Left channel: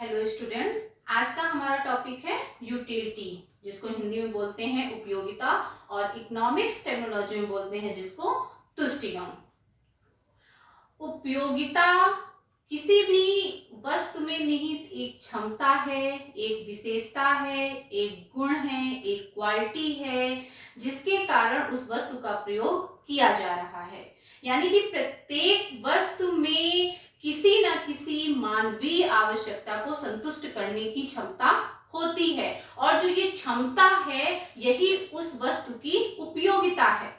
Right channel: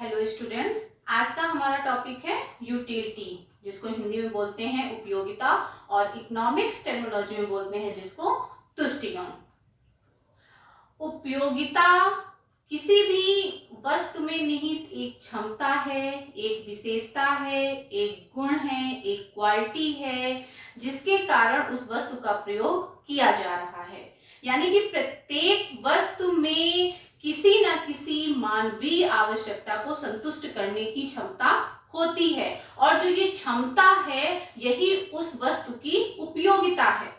Hello students, आज का हमारा टॉपिक है यूटिलिटी, जिसको हिंदी में बोलते हैं उपयोगिता और इकोनॉमिक्स टर्मिनोलॉजी में बोलते हैं जिसको तुष्टिगुण। उपयोगिता किसी भी वस्तु में निहित एक क्षमता है, एक विशेषता है, एक गुण है, एक क्वालिटी है, जिसके कारण उस वस्तु का प्रयोग किया जा रहा है। यानी कि प्रत्येक वस्तु में किसी न किसी मानवीय आवश्यकता को संतुष्ट करने की क्षमता होती है, और जो ये क्षमता है यही उस वस्तु की उपयोगिता है।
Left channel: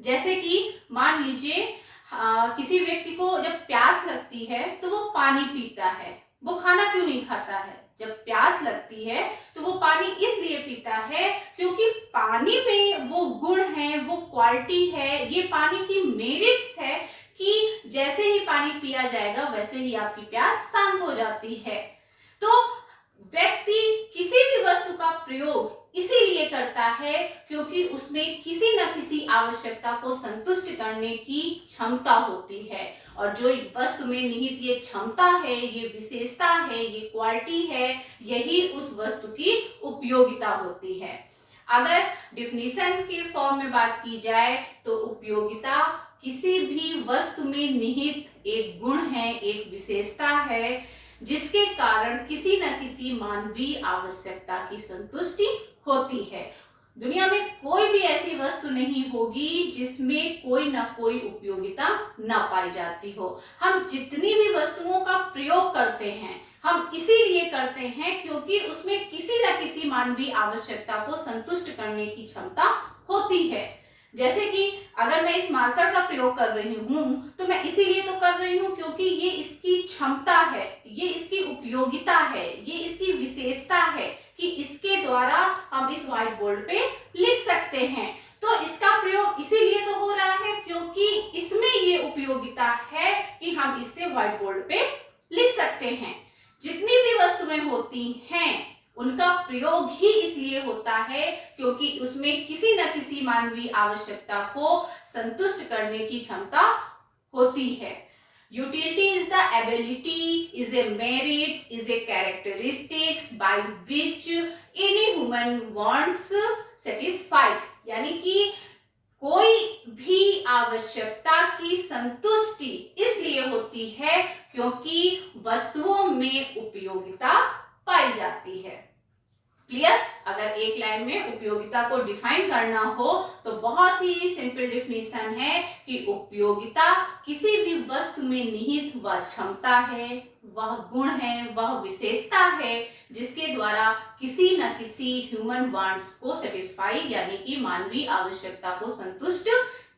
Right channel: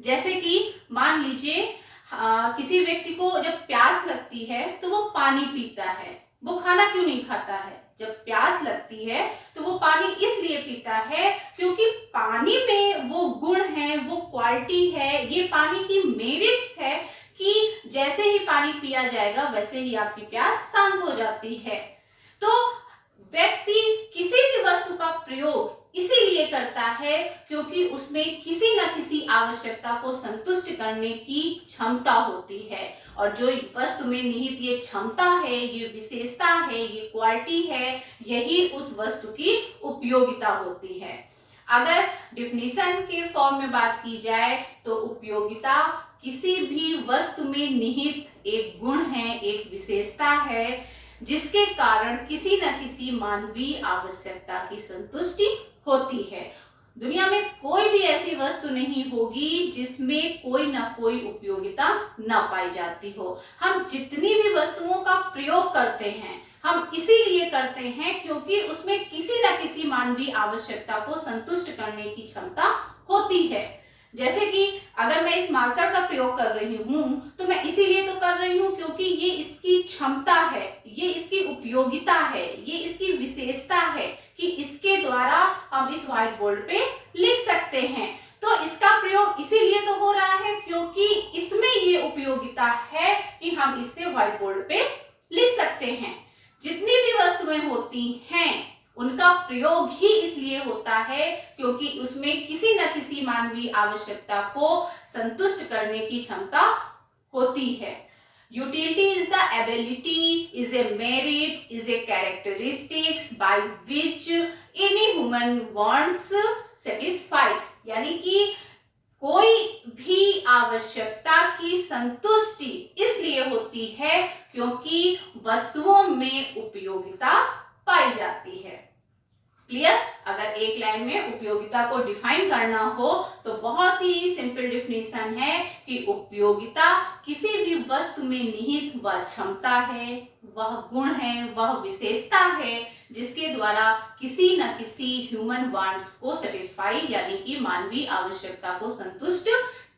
जैसे कि मान लीजिए किसी व्यक्ति को जब प्यास लगती है तो वो पानी पीता है। वो खाना क्यों नहीं खाता है? जब प्यास लगती है तो वो पानी इसलिए पीता है क्योंकि पानी में वो गुण है, वो क्वालिटी है, ये पानी की मेरिट्स है कि जैसे ही पानी पिया जाएगा वैसे ही आपकी प्यास शांत हो जाती है। तो व्यक्ति किसी भी वस्तु का प्रयोग इसीलिए करता है क्योंकि उसमें किसी न किसी आवश्यकता को संतुष्ट करने की क्षमता होती है, और जो वस्तु में निहित ये क्षमता है, ये विशेषता है, ये क्वालिटी है, यही उस वस्तु की उपयोगिता होती है। अगर डिफिनीशन के फॉर्म में बात की जाए तो उपयोगिता किसी भी वस्तु में निहित एक गुण है, एक विशेषता है, जिसके कारण किसी न किसी मानवीय आवश्यकता की संतुष्टि होती है। दुनिया में कोई भी ऐसी वस्तु नहीं होगी जिसमें कोई ना कोई उपयोगिता न पाई जाती हो। हम जितनी भी वस्तुओं का प्रयोग करते हैं हम इसीलिए करते हैं क्योंकि उसमें किसी न किसी मानवीय आवश्यकता को संतुष्ट करने की क्षमता होती है। जैसे कि अगर मैं इस मार्कर का प्रयोग कर रही हूं तो मैं इसीलिए तो कर रही हूं क्योंकि ये इसकी क्षमता है, ये इसकी उपयोगिता है, ये इसकी विशेषता है कि इसके द्वारा हम इस व्हाइट बोर्ड पे लिख सकते हैं। तो इसका प्रयोग इसीलिए तो हो रहा है क्योंकि इसमें ये उपयोगिता है कि हम इससे व्हाइट बोर्ड पे लिख सकते हैं। जितनी भी वस्तुएं होती हैं उनका प्रयोग ही इसलिए होता है क्योंकि उसमें किसी न किसी मानवीय आवश्यकता को संतुष्ट करने की क्षमता होती है। Utility is the ability, is a merit, is a characteristics by which any human wants satisfied। यानी कि कोई भी आवश्यकता की संतुष्टि इसलिए होती है क्योंकि वस्तुओं में उपयोगिता पाई जाती है। क्लियर? अगर एक लाइन में उपयोगिता को डिफाइन करना हो तो बहुत ही सिंपल डिफिनेशन है कि उपयोगिता किसी भी वस्तु में निहित वह क्षमता है, वह गुण है, वह विशेषता है जिसके द्वारा किसी न किसी ह्यूमन वांट्स को सेटिस्फाई यानी कि मानवीय आवश्यकता को संतुष्ट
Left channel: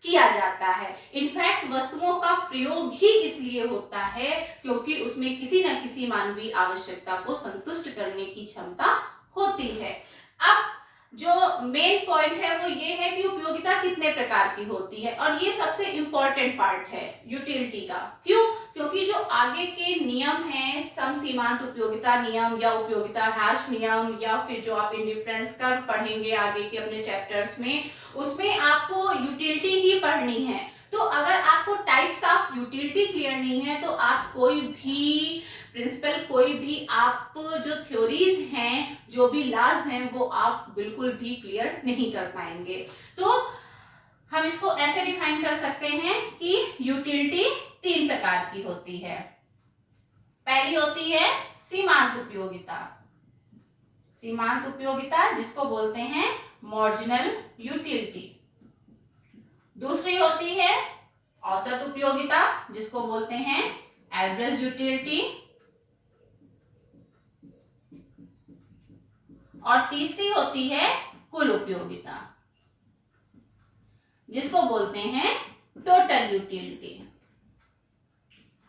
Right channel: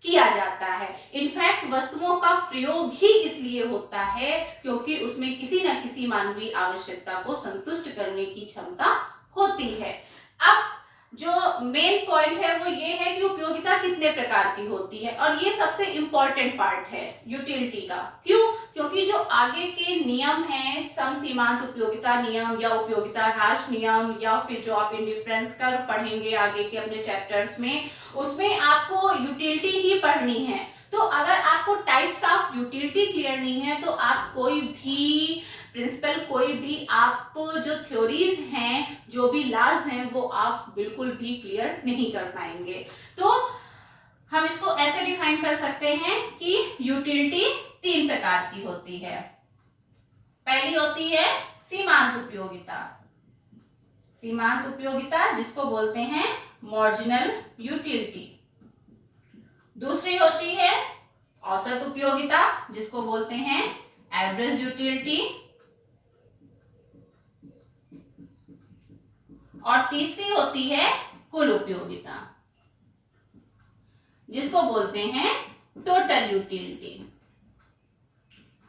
किया जाता है। इनफैक्ट वस्तुओं का प्रयोग ही इसलिए होता है क्योंकि उसमें किसी न किसी मानवीय आवश्यकता को संतुष्ट करने की क्षमता होती है। अब जो मेन पॉइंट है वो ये है कि उपयोगिता कितने प्रकार की होती है, और ये सबसे इंपॉर्टेंट पार्ट है यूटिलिटी का। क्यों? क्योंकि जो आगे के नियम हैं, सम सीमांत उपयोगिता नियम या उपयोगिता ह्रास नियम, या फिर जो आप इंडिफरेंस कर पढ़ेंगे आगे के अपने चैप्टर्स में, उसमें आपको यूटिलिटी ही पढ़नी है। तो अगर आपको टाइप्स ऑफ यूटिलिटी क्लियर नहीं है तो आप कोई भी प्रिंसिपल, कोई भी आप जो थ्योरीज हैं, जो भी लॉज हैं, वो आप बिल्कुल भी क्लियर नहीं कर पाएंगे। तो हम इसको ऐसे डिफाइन कर सकते हैं कि यूटिलिटी तीन प्रकार की होती है। पहली होती है सीमांत उपयोगिता। सीमांत उपयोगिता जिसको बोलते हैं मार्जिनल यूटिलिटी। दूसरी होती है औसत उपयोगिता जिसको बोलते हैं एवरेज यूटिलिटी। और तीसरी होती है कुल उपयोगिता जिसको बोलते हैं टोटल यूटिलिटी।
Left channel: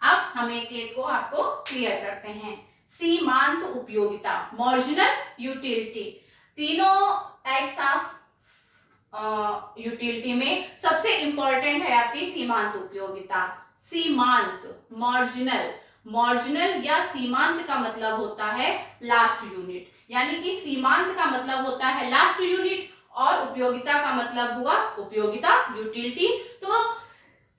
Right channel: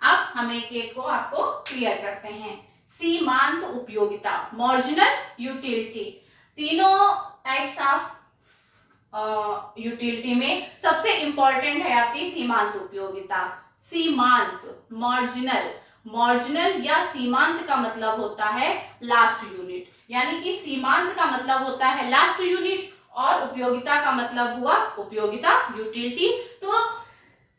अब हम एक एक को आपको क्लियर करते हैं। सीमांत उपयोगिता, मार्जिनल यूटिलिटी। तीनों टाइप्स ऑफ यूटिलिटी में सबसे इंपॉर्टेंट है आपकी सीमांत उपयोगिता। सीमांत, मार्जिनल, मार्जिनल या सीमांत का मतलब होता है लास्ट यूनिट, यानी कि सीमांत का मतलब होता है लास्ट यूनिट और उपयोगिता का मतलब हुआ उपयोगिता, यूटिलिटी। तो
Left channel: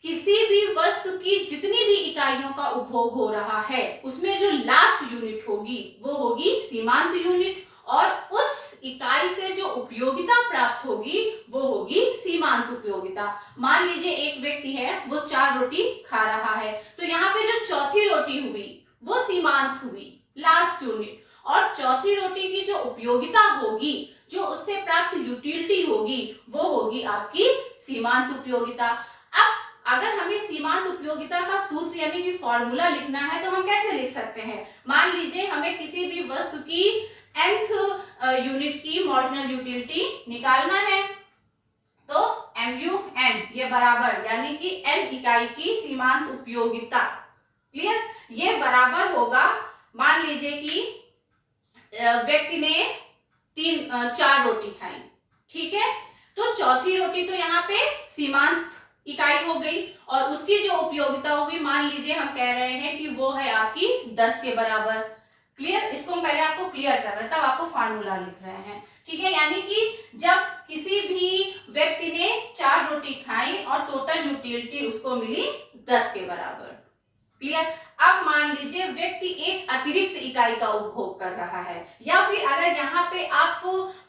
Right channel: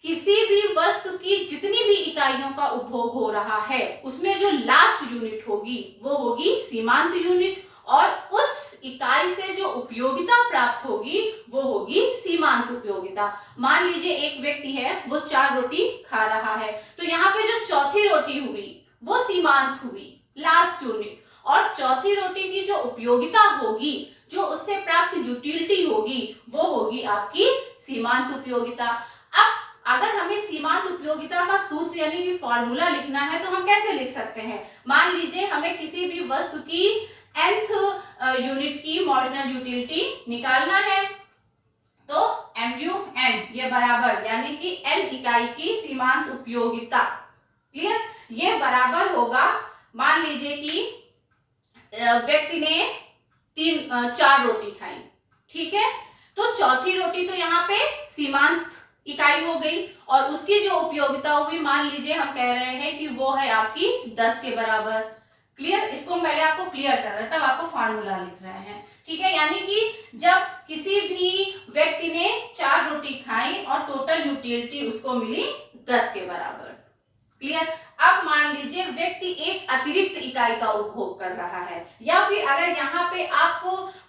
किसी भी वस्तु की जितनी भी इकाइयों का उपभोग हो रहा है उसमें जो लास्ट यूनिट होगी वो होगी सीमांत यूनिट, और उस इकाई से जो उपयोगिता प्राप्त होगी वो होगी सीमांत उपयोगिता। मान लीजिए एक व्यक्ति है, वो 4 रोटी खा रहा है, तो यहाँ पे जो चौथी रोटी हुई वो सीमांत हुई, लास्ट यूनिट, और चौथी रोटी की जो उपयोगिता होगी, जो उससे प्राप्त यूटिलिटी होगी, वो होगी आपकी सीमांत उपयोगिता। अब अगर हमें सीमांत उपयोगिता का सूत्र यानी कि फॉर्मूला लिखना है तो हम कैसे लिख सकते हैं? मान लीजिए हमें किसी भी वस्तु की nth यूनिट की मार्जिनल यूटिलिटी निकालना है, तो MUN ये बराबर यानी कि n इकाई की सीमांत उपयोगिता, क्लियर, ये बराबर होगा, मान लीजिए कि व्यक्ति ने 4 रोटी खाई, ठीक है, तो चौथी रोटी तो यहाँ पे सीमांत इकाई हो गई, और उसकी जो उपयोगिता हुई मान लीजिए हम कह रहे हैं कि वो है आपकी 10 के बराबर, क्लियर। इसको पहले आपको क्लियर कर रहे हैं, तब आपको फार्मूला लिख रहे हैं, ठीक है। यानी कि जब किसी भी व्यक्ति ने 4 रोटी खाई और टोटल यूटिलिटी उसको मिली 10 के बराबर, क्लियर। अब मान लीजिए व्यक्ति एक अतिरिक्त इकाई का उपभोग कर रहा है, या फिर अगर यहाँ पे आप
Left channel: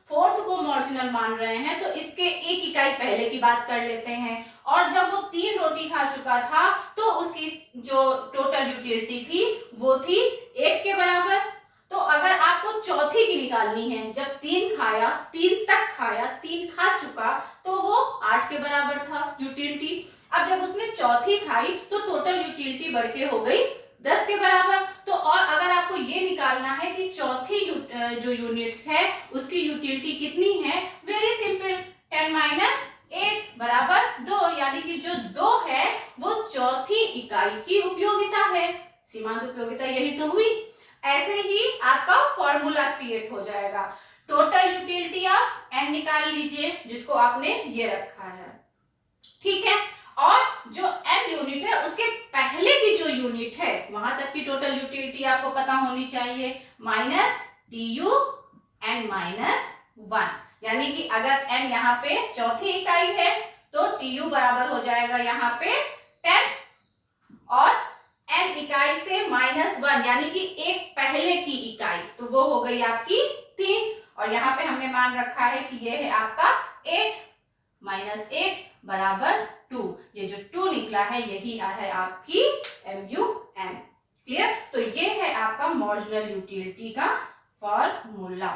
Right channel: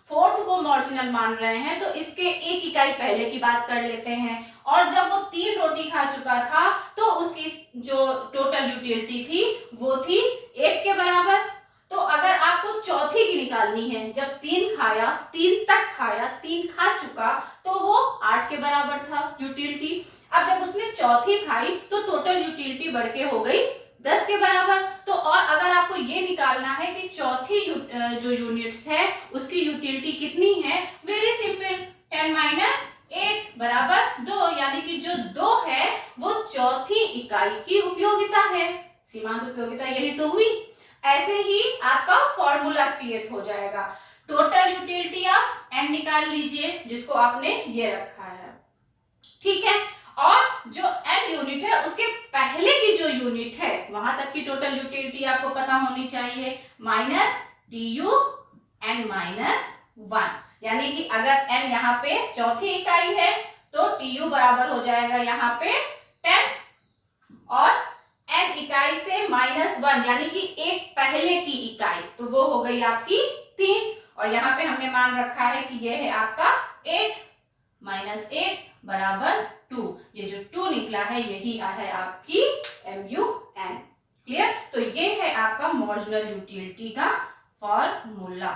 फोर्थ को मार्जिनल मान रहे हैं तो इसके एक इकाई पहले की बात कर लेते हैं, और जब वो 3 रोटी खा चुका था तो उसकी जो टोटल यूटिलिटी थी वो थी 8 के बराबर। तो अगर आपको चौथी की निकालनी है, जब 3 खाया, 3 तक खाया, 3 खा चुका, तो वो 8 के बराबर था यूटिलिटी। अब जब उसने चौथी खाई तो टोटल यूटिलिटी बढ़ के हो गई 10 के बराबर। तो और अगर आपको ये निकालना है कि चौथी जो यूनिट्स है उसकी यूटिलिटी कितनी है, वेरी सिंपल, 10 - 8 बराबर 2, यानी कि जो 2 है वो चौथी इकाई की उपयोगिता है, सीमांत उपयोगिता यही तो हुई। ऐसे ही आपका फॉर्मूला क्रिएट हो जाएगा, टोटल यूटिलिटी ऑफ n निकाल लीजिए जिसको आपने ये रखा है, ठीक है, और जो n यूनिट है उसके पहले की जो यूनिट है वहां तक की टोटल यूटिलिटी आपको पता होनी चाहिए, माइनस TU n - 1, यानी कि अगर n यहाँ पे चौथी इकाई है तो TU बराबर हो जाएगा यहाँ पे 10, और n इकाई से -1 यानी कि एक पहले की इकाई, तो वो हो गई आपकी 3, और यहाँ पे हमने मान रखा है कि ये है आपका 8 - 8 बराबर 2, ये जो 2 निकला है यही है आपकी MUN, क्लियर। तो ये है आपका मार्जिनल यूटिलिटी का फॉर्मूला,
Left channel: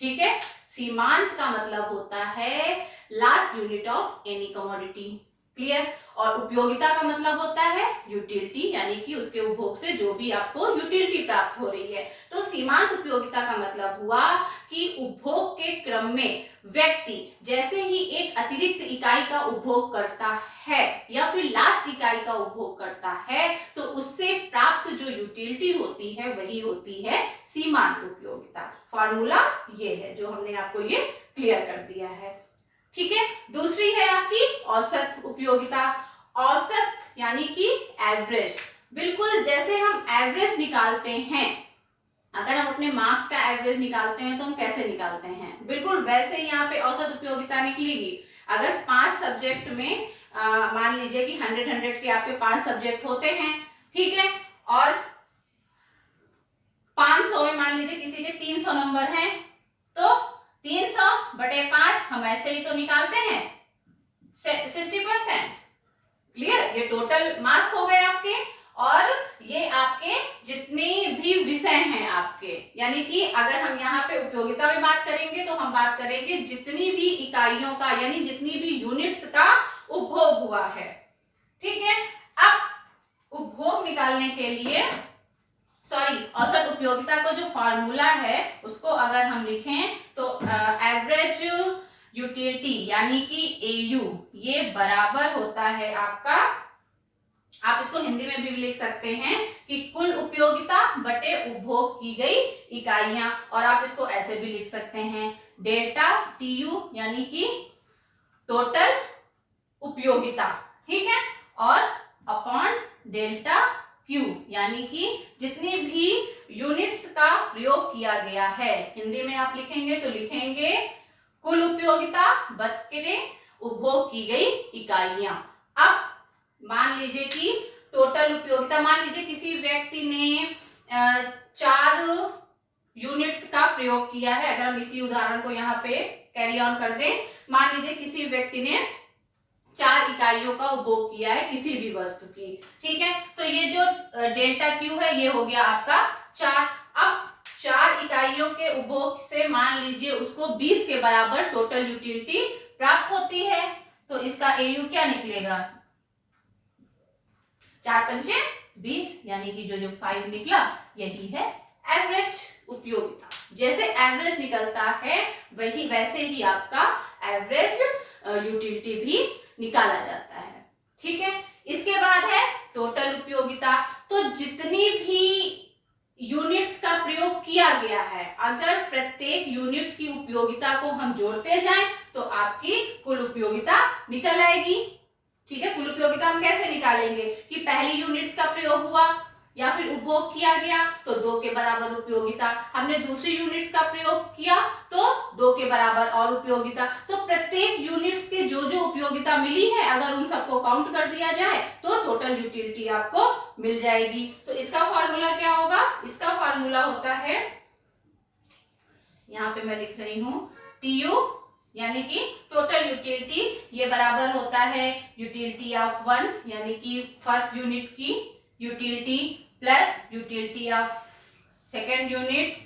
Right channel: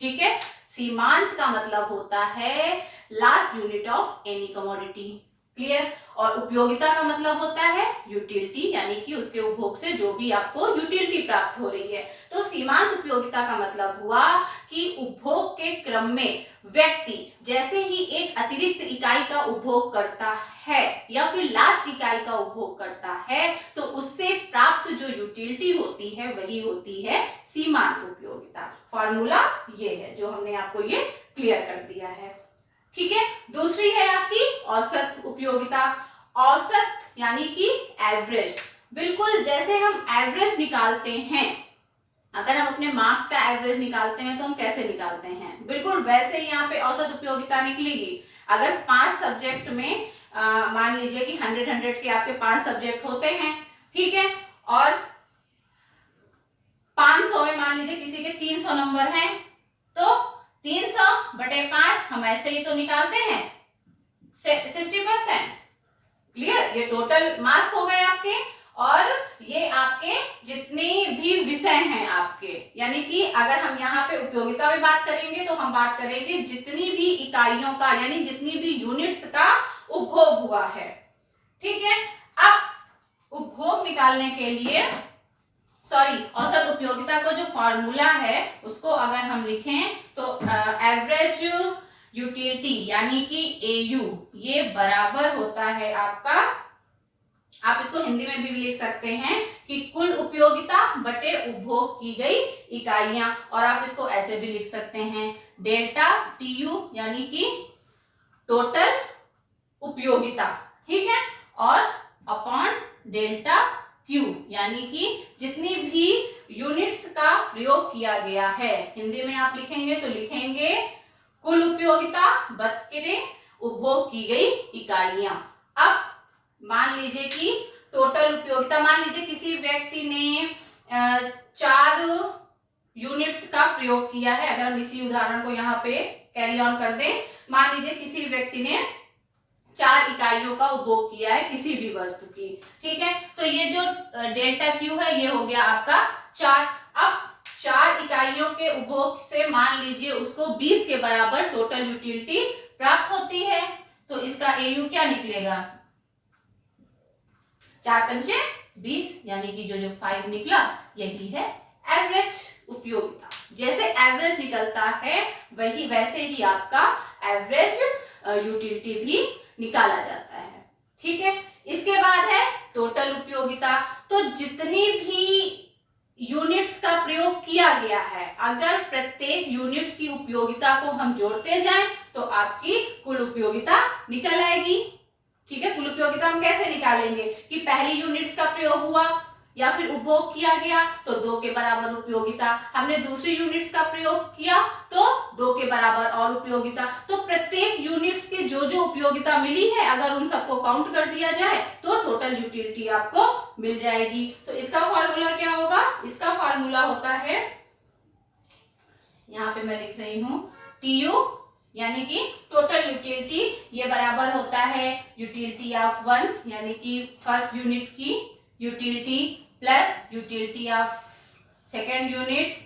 ठीक है। सीमांत का मतलब होता है last unit of any commodity, clear, और उपयोगिता का मतलब होता है यूटिलिटी, यानी कि उसके उपभोग से जो भी आपको यूटिलिटी प्राप्त हो रही है। तो सीमांत उपयोगिता का मतलब हुआ कि उपभोग के क्रम में व्यक्ति जैसे ही एक अतिरिक्त इकाई का उपभोग करता है या फिर लास्ट इकाई का उपभोग करता है तो उससे प्राप्त जो यूटिलिटी होती है वही होती है सीमांत उपयोगिता। फॉर्मूला ये है जो हमने आपको ये क्लियर कर दिया है, ठीक है। दूसरी है आपकी औसत उपयोगिता। औसत यानी कि एवरेज, बिल्कुल जैसे हम एवरेज निकालते हैं, अगर हम अपने मार्क्स का एवरेज निकालते हैं तो हम कैसे निकालते हैं, बिल्कुल वैसे ही यहाँ पे औसत उपयोगिता निकलेगी। अगर 5 सब्जेक्ट में मान लीजिए कि 100 के आपके 5 सब्जेक्ट होते हैं, ठीक है, और 500 में मान लीजिए किसी के 300 नंबर हैं, तो 300/5 हम ऐसे ही तो निकालते हैं 60%, क्लियर। ये टोटल मार्क्स हो गए आपके, और ये आपके जितने भी विषय हैं आपके, यानी कि अगर हम यहाँ पे उपयोगिता में बात करेंगे तो हम बात करेंगे जितनी भी इकाइयों का यानी जितनी भी यूनिट्स का उपभोग हुआ है, ठीक है। अब उपभोग निकालने के लिए औसत उपयोगिता को जो फॉर्मूला है उसको अगर हम लिखें तो एवरेज यूटिलिटी यानी कि AU ये बराबर होता है आपका, आप इसको हिंदी में भी लिख सकते हैं कि कुल उपयोगिता बटे उपभोग की गई इकाइयां, और आप इसको ऐसे भी लिख सकते हैं डेल्टा TU यानी कि टोटल उपयोगिता, ठीक है, और अपॉन डेल्टा Q यानी कि जितनी भी यूनिट्स का प्रयोग किया गया है। हिंदी में आप लिखेंगे तो लिखेंगे कुल उपयोगिता बटे उपभोग की गई इकाइयां। अब मान लीजिए कि टोटल उपयोगिता, मान लीजिए किसी व्यक्ति ने 4 यूनिट्स का प्रयोग किया है। अगर हम इसी उदाहरण को यहाँ पे कैरी ऑन कर दें, मान लीजिए किसी व्यक्ति ने 4 इकाइयों का उपभोग किया है किसी भी वस्तु की, ठीक है। तो ये जो डेल्टा क्यू है ये हो गया आपका 4। अब 4 इकाइयों के उपभोग से मान लीजिए उसको 20 के बराबर टोटल यूटिलिटी प्राप्त होती है, तो इसका एयू क्या निकलेगा, 4 पंचे 20, यानी कि जो 5 निकला यही है एवरेज उपयोगिता। जैसे एवरेज निकलता है वही वैसे ही आपका एवरेज यूटिलिटी भी निकाला जाता है, ठीक है। इसके बाद है टोटल उपयोगिता। तो जितनी भी यूनिट्स का प्रयोग किया गया है, अगर प्रत्येक यूनिट्स की उपयोगिता को हम जोड़ते जाएं तो आपकी कुल उपयोगिता निकल आएगी, ठीक है। कुल उपयोगिता हम कैसे निकालेंगे कि पहली यूनिट्स का प्रयोग हुआ या फिर उपभोग किया गया तो 2 के बराबर उपयोगिता, हमने दूसरी यूनिट्स का प्रयोग किया तो 2 के बराबर और उपयोगिता। तो प्रत्येक यूनिट्स के जो जो उपयोगिता मिली है अगर उन सबको काउंट कर दिया जाए तो टोटल यूटिलिटी आपको मिल जाएगी। तो इसका फॉर्मूला क्या होगा, इसका फॉर्मूला होता है, यहाँ पे मैं लिख रही हूँ TU, यानी कि टोटल यूटिलिटी, ये बराबर होता है यूटिलिटी ऑफ 1 यानी कि फर्स्ट यूनिट की utility plus utility of second unit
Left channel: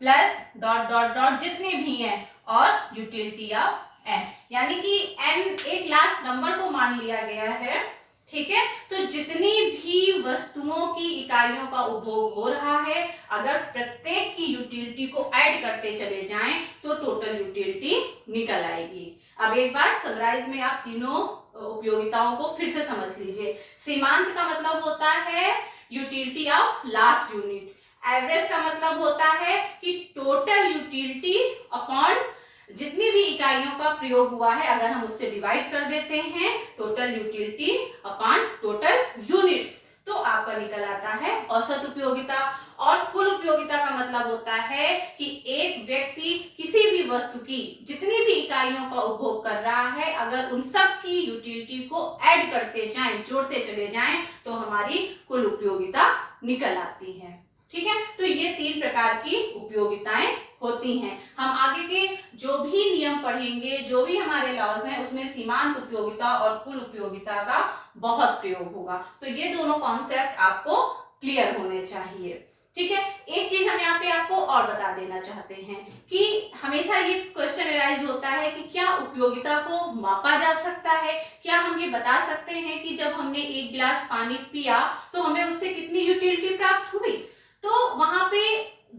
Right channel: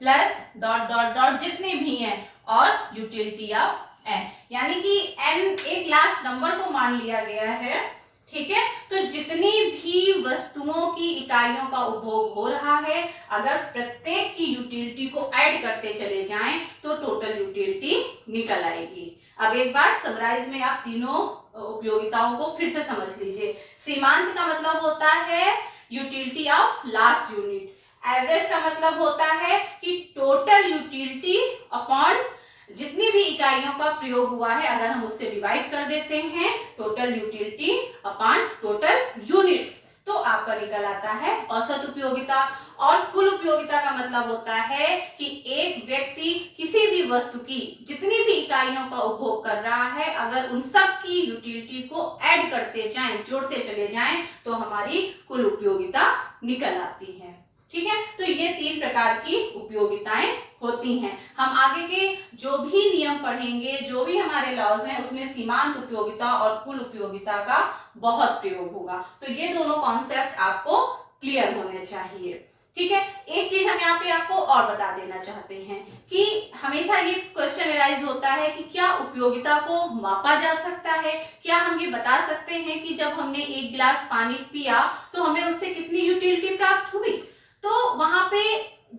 plus dot dot dot जितने भी हैं और यूटिलिटी ऑफ n, यानी कि n एक लास्ट नंबर को मान लिया गया है, ठीक है। तो जितनी भी वस्तुओं की इकाइयों का उपभोग हो रहा है अगर प्रत्येक की यूटिलिटी को ऐड करते चले जाएं तो टोटल यूटिलिटी निकल आएगी। अब एक बार समराइज में आप तीनों उपयोगिताओं को फिर से समझ लीजिए। सीमांत का मतलब होता है utility of last unit, average का मतलब होता है कि टोटल यूटिलिटी अपॉन जितनी भी इकाइयों का प्रयोग हुआ है अगर हम उससे डिवाइड कर देते हैं total utility upon total units तो आपका निकल आता है औसत उपयोगिता। और कुल उपयोगिता का मतलब होता है कि एक व्यक्ति किसी भी वस्तु की जितनी भी इकाइयों का उपभोग कर रहा है अगर उन सब की यूटिलिटी को ऐड करते जाएं, जोड़ते चले जाएं तो हमारी कुल उपयोगिता निकल आती है, ठीक है। तो ये 3 प्रकार की उपयोगिताएं होती हैं। हम आगे के जो भी नियम पढ़ेंगे, जो भी हमारे लॉज हैं उसमें सीमांत उपयोगिता और कुल उपयोगिता का बहुत प्रयोग होगा। तो ये दोनों कॉन्सेप्ट आपको क्लियर होने चाहिए, ठीक है। एक चीज हम यहाँ पे आपको और बता देना चाहते हैं कि हमेशा ये क्वेश्चन अराइज होता है कि क्या उपयोगिता को मापा जा सकता है, क्या हम ये बता सकते हैं कि जब हमने 1 गिलास पानी पिया तो हमें उससे कितनी यूटिलिटी प्राप्त हुई। तो वहां पे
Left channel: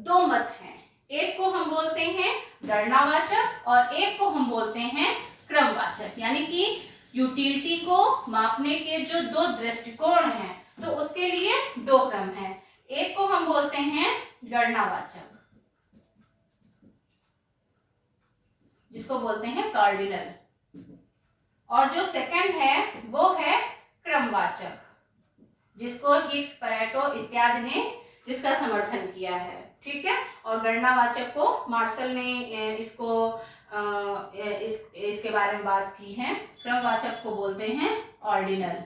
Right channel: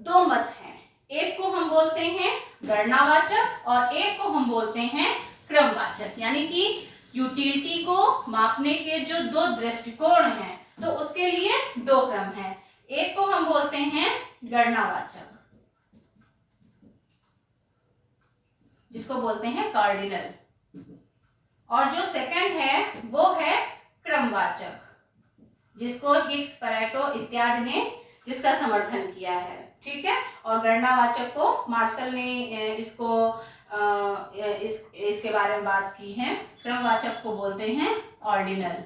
2 मत हैं, एक को हम बोलते हैं गणनावाचक और एक को हम बोलते हैं क्रमवाचक, यानी कि यूटिलिटी को मापने के जो 2 दृष्टिकोण हैं तो उसके लिए 2 क्रम हैं। एक को हम बोलते हैं गणनावाचक जिसको बोलते हैं कार्डिनल, और जो सेकंड है वो है क्रमवाचक जिसको हिग्स, पैरेटो इत्यादि ने जिसका समर्थन किया है, ठीक है। और गणनावाचक को मार्शल ने इसके बारे में बात की है। क्रमवाचक को बोलते हैं ऑर्डिनल।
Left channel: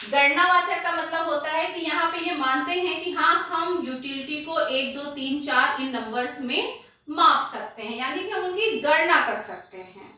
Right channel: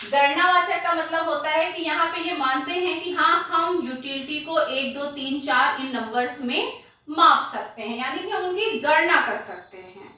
गणनावाचक का मतलब होता है कि यहाँ पे ये मानते हैं कि हाँ हम यूटिलिटी को 1 2 3 4 इन नंबर्स में माप सकते हैं, यानी कि हम उनकी गणना कर सकते हैं,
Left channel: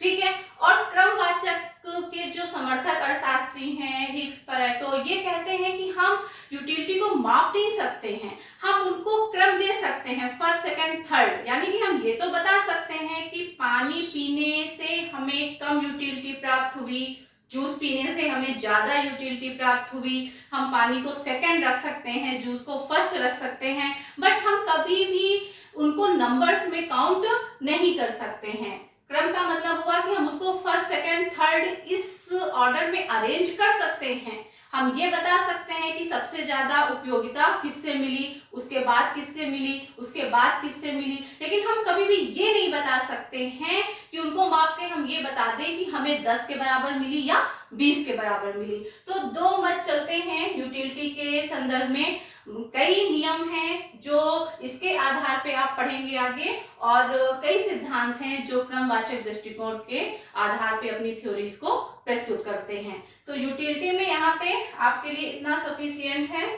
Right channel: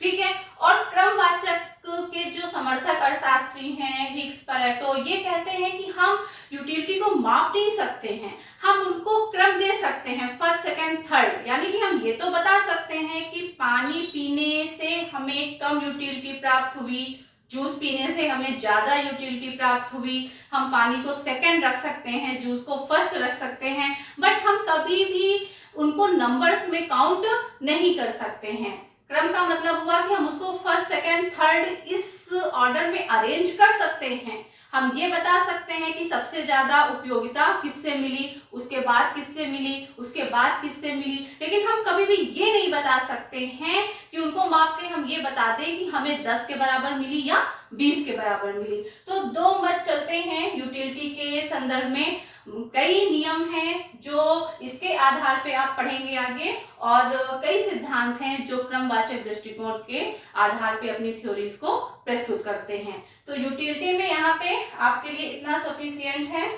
ठीक है। और क्रमवाचक के जो समर्थक अर्थशास्त्री हैं हिग्स, पैरेटो, ये कहते हैं कि हम यूटिलिटी को माप नहीं सकते हैं, हम उनको क्रम दे सकते हैं, फर्स्ट सेकंड थर्ड, यानी कि हम ये तो बता सकते हैं कि पानी पीने से हमें कम यूटिलिटी प्राप्त हुई, जूस पीने से हमें ज्यादा यूटिलिटी प्राप्त हुई, हम पानी को सेकंड रख सकते हैं, जूस को फर्स्ट रख सकते हैं, बट हम कभी भी उनको नंबर्स में काउंट नहीं कर सकते हैं। क्रम का मतलब हुआ कि हम उसको फर्स्ट सेकंड थर्ड इस ऑर्डर में अरेंज कर सकते हैं, हम ये बता सकते हैं कि सबसे ज्यादा उपयोगिता किससे मिली, उसके बाद किससे मिली, उसके बाद किससे मिली, लेकिन हम कभी भी ये नहीं बता सकते हैं कि उनको माप के हम ये बता दें कि हमें 10 के बराबर मिली या 20 के बराबर मिली। तो दो मत चलते हैं यूटिलिटी के संदर्भ में। कई नियम हैं जो इसके आधार पे आप पढ़ेंगे आगे, और कई सिद्धांत हैं जो क्रमवाचक दृष्टिकोण के आधार पे अपनी थ्योरीज को प्रस्तुत करते हैं। तो यूटिलिटी में यहाँ पे आपके लिए इतना सफिशिएंट है।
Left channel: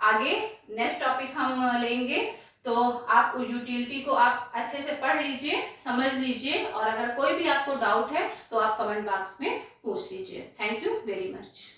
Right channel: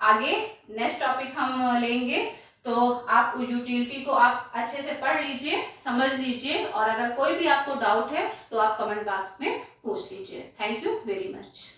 आगे नेक्स्ट टॉपिक हम लेंगे, तो आप यूटिलिटी को आप अच्छे से पढ़ लीजिए, समझ लीजिए, और अगर कोई भी आपको डाउट है तो आप कमेंट बॉक्स में पूछ लीजिए। Thank you very much.